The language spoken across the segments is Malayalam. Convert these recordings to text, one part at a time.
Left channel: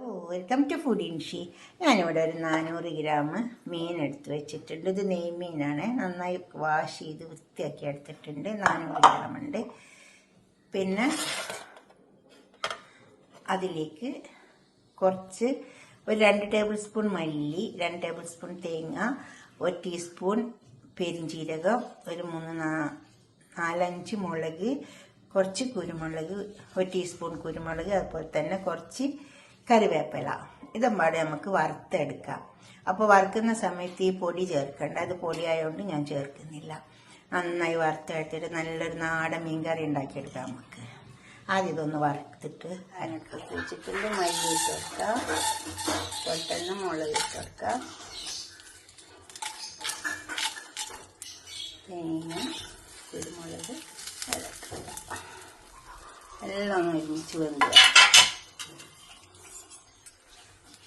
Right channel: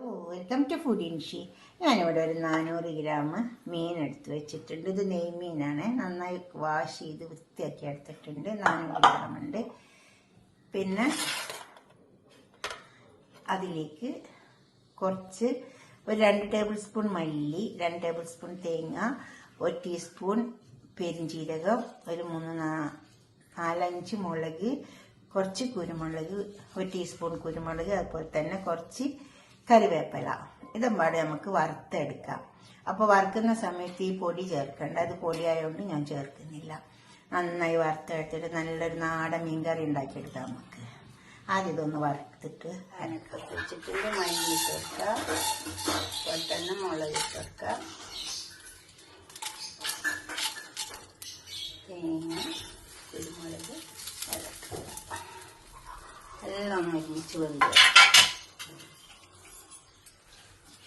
Welcome to food ഇൻഷി. ഞാനിവിടെ ഒരു 400 ഗ്രാം മീൻ എടുത്ത് വെച്ചിട്ടുണ്ട്. ഇത് നെയ്മീനാണ്. നന്നായി വാഷ് ചെയ്ത് വൃത്തിയാക്കി എടുത്തിട്ടുണ്ട്. 400 ഗ്രാം ഉണ്ട്. പിന്നെ അതിലേക്ക് കുറച്ച് ഒരു 2 ടേബിൾ സ്പൂൺ മല്ലി, 2 ടേബിൾ സ്പൂൺ തേങ്ങ, 1 ടീസ്പൂൺ പെരിഞ്ജീരകം, ഒരു 4-5 മുളക്, കുറച്ച് കുരുമുളക്, 1 ടീസ്പൂൺ കുരുമുളക്, അതുപോലെ തന്നെ കുറച്ച് കറിവേപ്പില. ഇതെമ്പാടെ നമുക്ക് വറുത്തെടുക്കാം. അപ്പോൾ വറുക്കുന്ന സമയത്ത് ഈ പൊടി ചേർക്കേണ്ട. അത് പൊടിയായതുകൊണ്ട് ഞാൻ ചേർക്കുന്നില്ല. നന്നായി വറുത്തെടുത്തിട്ട് നല്ലൊരു നാടൻ മീൻ കറി ഉണ്ടാക്കിയെടുക്കാം നമുക്ക്. ആദ്യം ഇതൊന്ന് വറുത്തിട്ട് വെച്ചിട്ടുണ്ട്. മല്ലി ചേർക്കാം, അതുപോലെ തന്നെ മുളക് ചേർക്കാം, തേങ്ങ, കുരുമുളക് എല്ലാം ഒന്ന് ഒരുമിച്ച് വേണ്ട.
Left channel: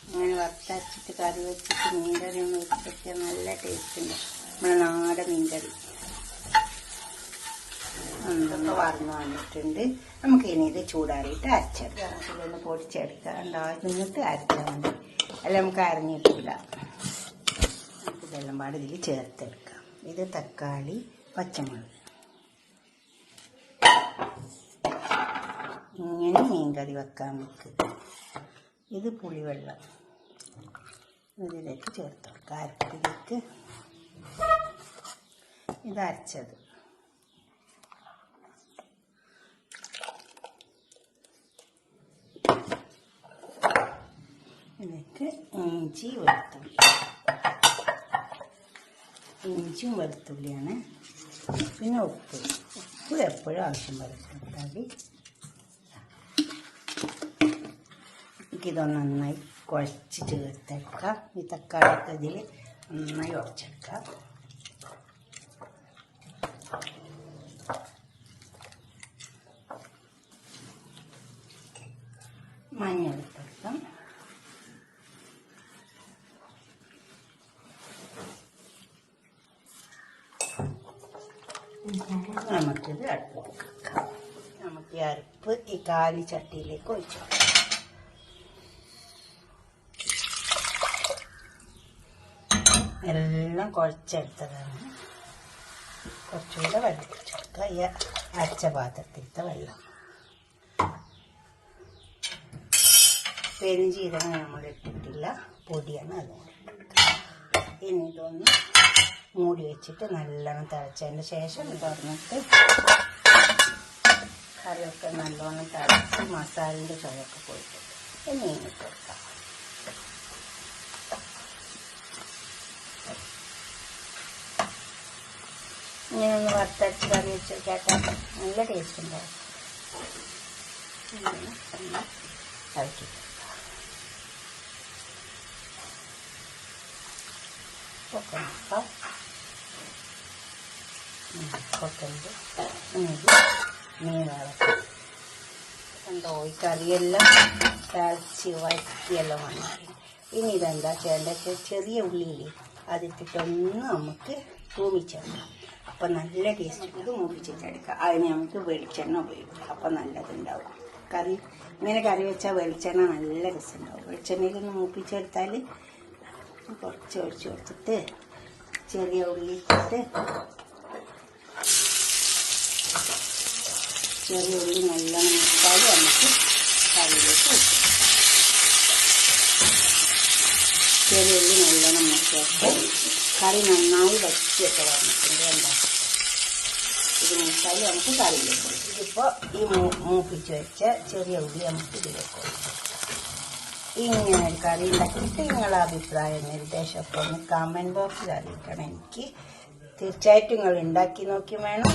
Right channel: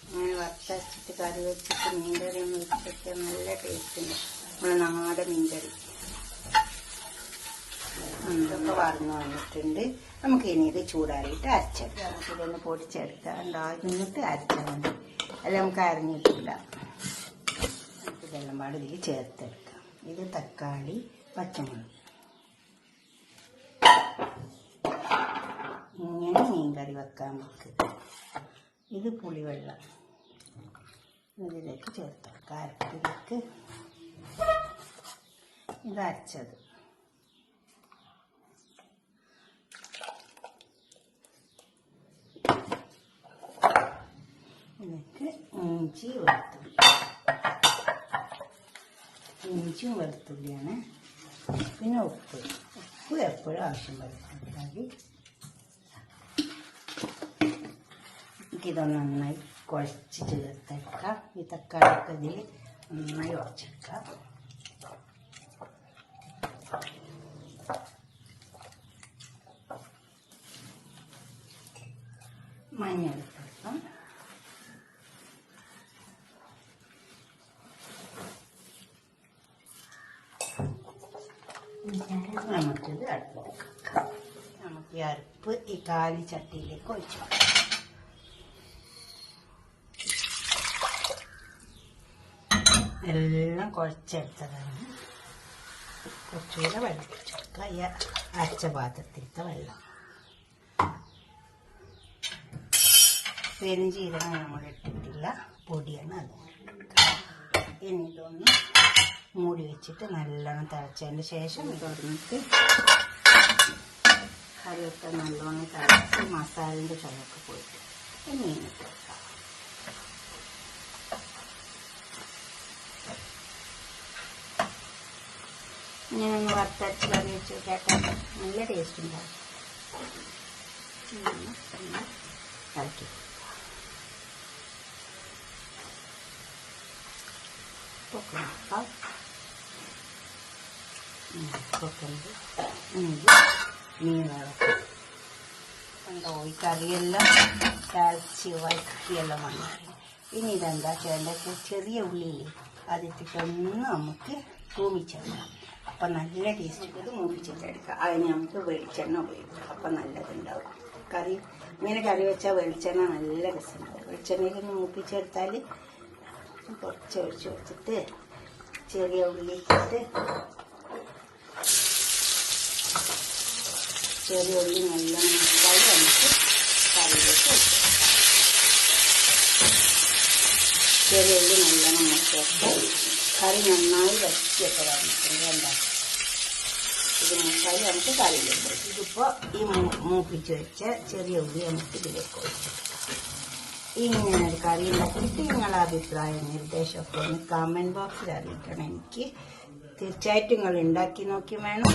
അങ്ങനെ വറുത്തരച്ചിട്ട് കറി വെച്ചിട്ട് മീൻകറി വെച്ചിട്ട് നല്ല ടേസ്റ്റ് ഉണ്ട്. നാടൻ മീൻകറി ഇതൊക്കെ വറന്ന് വന്നിട്ടുണ്ട്. നമുക്ക് ഇനി ഇത് ചൂടാറിയിട്ട് അരച്ചെടുക്കാം. ഇതൊന്ന് പൊടിച്ചെടുക്കാം. എന്നിട്ട് അരച്ചാൽ മതി. അല്ല നമുക്ക് അരഞ്ഞിട്ടില്ല. നമുക്ക് ഇതെല്ലാം പാട് ഇതിൽ ചേർത്തെടുക്കാം. ഇത് തക്കാളി, പച്ചമുളക്. ഇങ്ങനെ മീൻകറി വെക്കാൻ വെക്കുക. ഇത് പുളിവെള്ളം ഇതിലേക്ക് ചേർത്തെടുക്കാം. അരപ്പിലേക്ക് ഇത് അരച്ചത്. ഇതിലേക്ക് ഇഞ്ചിയും വെളുത്തുള്ളിയാണ്. പിന്നെ ഉപ്പ് എപ്പോഴും ആവശ്യം വരും. ഇതൊന്ന് നന്നായി കുഴച്ച് ചേർത്തെടുക്കാം. ഈ തക്കാളിയൊക്കെ അതിൽ നന്നായി ഉടച്ചെടുക്കാം. മഞ്ഞൾ ഇട്ടെടുക്കാം. നമുക്കിത് അടുപ്പിക്കാം. നമുക്ക് ഈ അരപ്പ് ഈ കാലി ചട്ടിയിലേക്ക് ഒഴിച്ചു. എല്ലാം കുഴച്ചെടുത്തതാണ്. കുറച്ചുകൂടെ വെള്ളം ഒഴിച്ചെടുക്കുക. ഈ അരച്ച പാത്രത്തിലത്തെ വെള്ളം. പെരുംജീരകം നമ്മൾ ഇട്ടിട്ടില്ല, പൊടിയാണ് അതുകൊണ്ട് ഇട്ടെടുക്കുക. ഇനി ഇതൊന്ന് മൂടി വെച്ചിട്ട് നല്ലോണം തിളച്ചതിന് ശേഷം തുറന്നിട്ട് കറിയൊക്കെ നല്ലോണം തിളച്ച് മസാലയുടെ ചുവയൊക്കെ പോയിട്ട് ഇനി ഇട്ടെടുക്കാം. ഇങ്ങനെ ഒന്ന് വറുത്തരച്ച് കറി വെച്ച് കേട്ടാൽ നല്ല ടേസ്റ്റ് ഉണ്ടാവും. ഇളക്കി കൊത്തമ്പ് മീൻ വറക്കും. കണ്ടോ ഈ കറിയെല്ലാം തിളച്ച് വഴറ്റിയെല്ലാം വന്നാണ്. ഇനി ഇതെന്താ ചെയ്യേണ്ടത്? ചെറിയ ഉള്ളിയിൽ അതിട്ടിട്ടൊന്ന് നമുക്ക് തൂമിച്ചെടുക്കാം. അപ്പം നല്ല ടേസ്റ്റ്. ഇത് മൂപ്പിച്ചിട്ടെടുക്കാം. അതിന് നമുക്ക് വെളിച്ചെണ്ണ ഉപയോഗിക്കാം. അപ്പം നല്ലതുണ്ടാവും. കറി ഇങ്ങനെ കറി വെച്ചാൽ വെളിച്ചെണ്ണ നല്ല രസമുണ്ടാവും. വെളിച്ചെണ്ണയിൽ ഒന്ന് മൂപ്പിച്ചെടുത്താൽ കുറച്ച് ഒഴിച്ച് വെച്ചിട്ട് ചെറിയ ഉള്ളി ഇട്ടിട്ട് ചെറിയ ഉള്ളി നല്ലോണം മുട്ടാൽ നമുക്ക് കറിയിലേക്ക് വെക്കാം. ചെറിയ ഉള്ളി നല്ലോണം മുട്ടിയാൽ കറി നന്നായി വറ്റിയൊക്കെ വന്നിട്ടുണ്ട്. ഉണ്ടാക്കും. ഇത് മുട്ടാൽ നമുക്ക് കറിയിലേക്ക് വെക്കാം. ഇതിപ്പോൾ ഈ മൂപ്പിച്ച് വെച്ച ചെറിയ ഉള്ളി നമുക്ക് ഇതിലേക്ക് വെക്കാം. ഇങ്ങനെ ഒരു കറി ഉണ്ടാക്കിയിട്ട് നിങ്ങളുടെ അഭിപ്രായം നിർദ്ദേശമൊക്കെ ഒന്ന് കമൻറ്റ് ബോക്സിൽ അറിയിക്കണം. എനിക്ക് തീർച്ചയായിട്ടും നിങ്ങൾ ഉണ്ടാക്കി നോക്കി വേണം.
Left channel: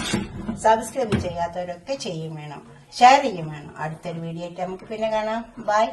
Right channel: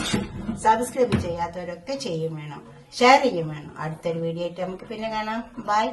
സബ്സ്ക്രൈബ് ചെയ്യാത്തവരൊക്കെ ചെയ്യും വേണം, ഷെയർ ചെയ്യും വേണം. അടുത്തൊരു വീഡിയോ ആയിട്ട് നമുക്ക് പിന്നെ കാണാം. ബൈ.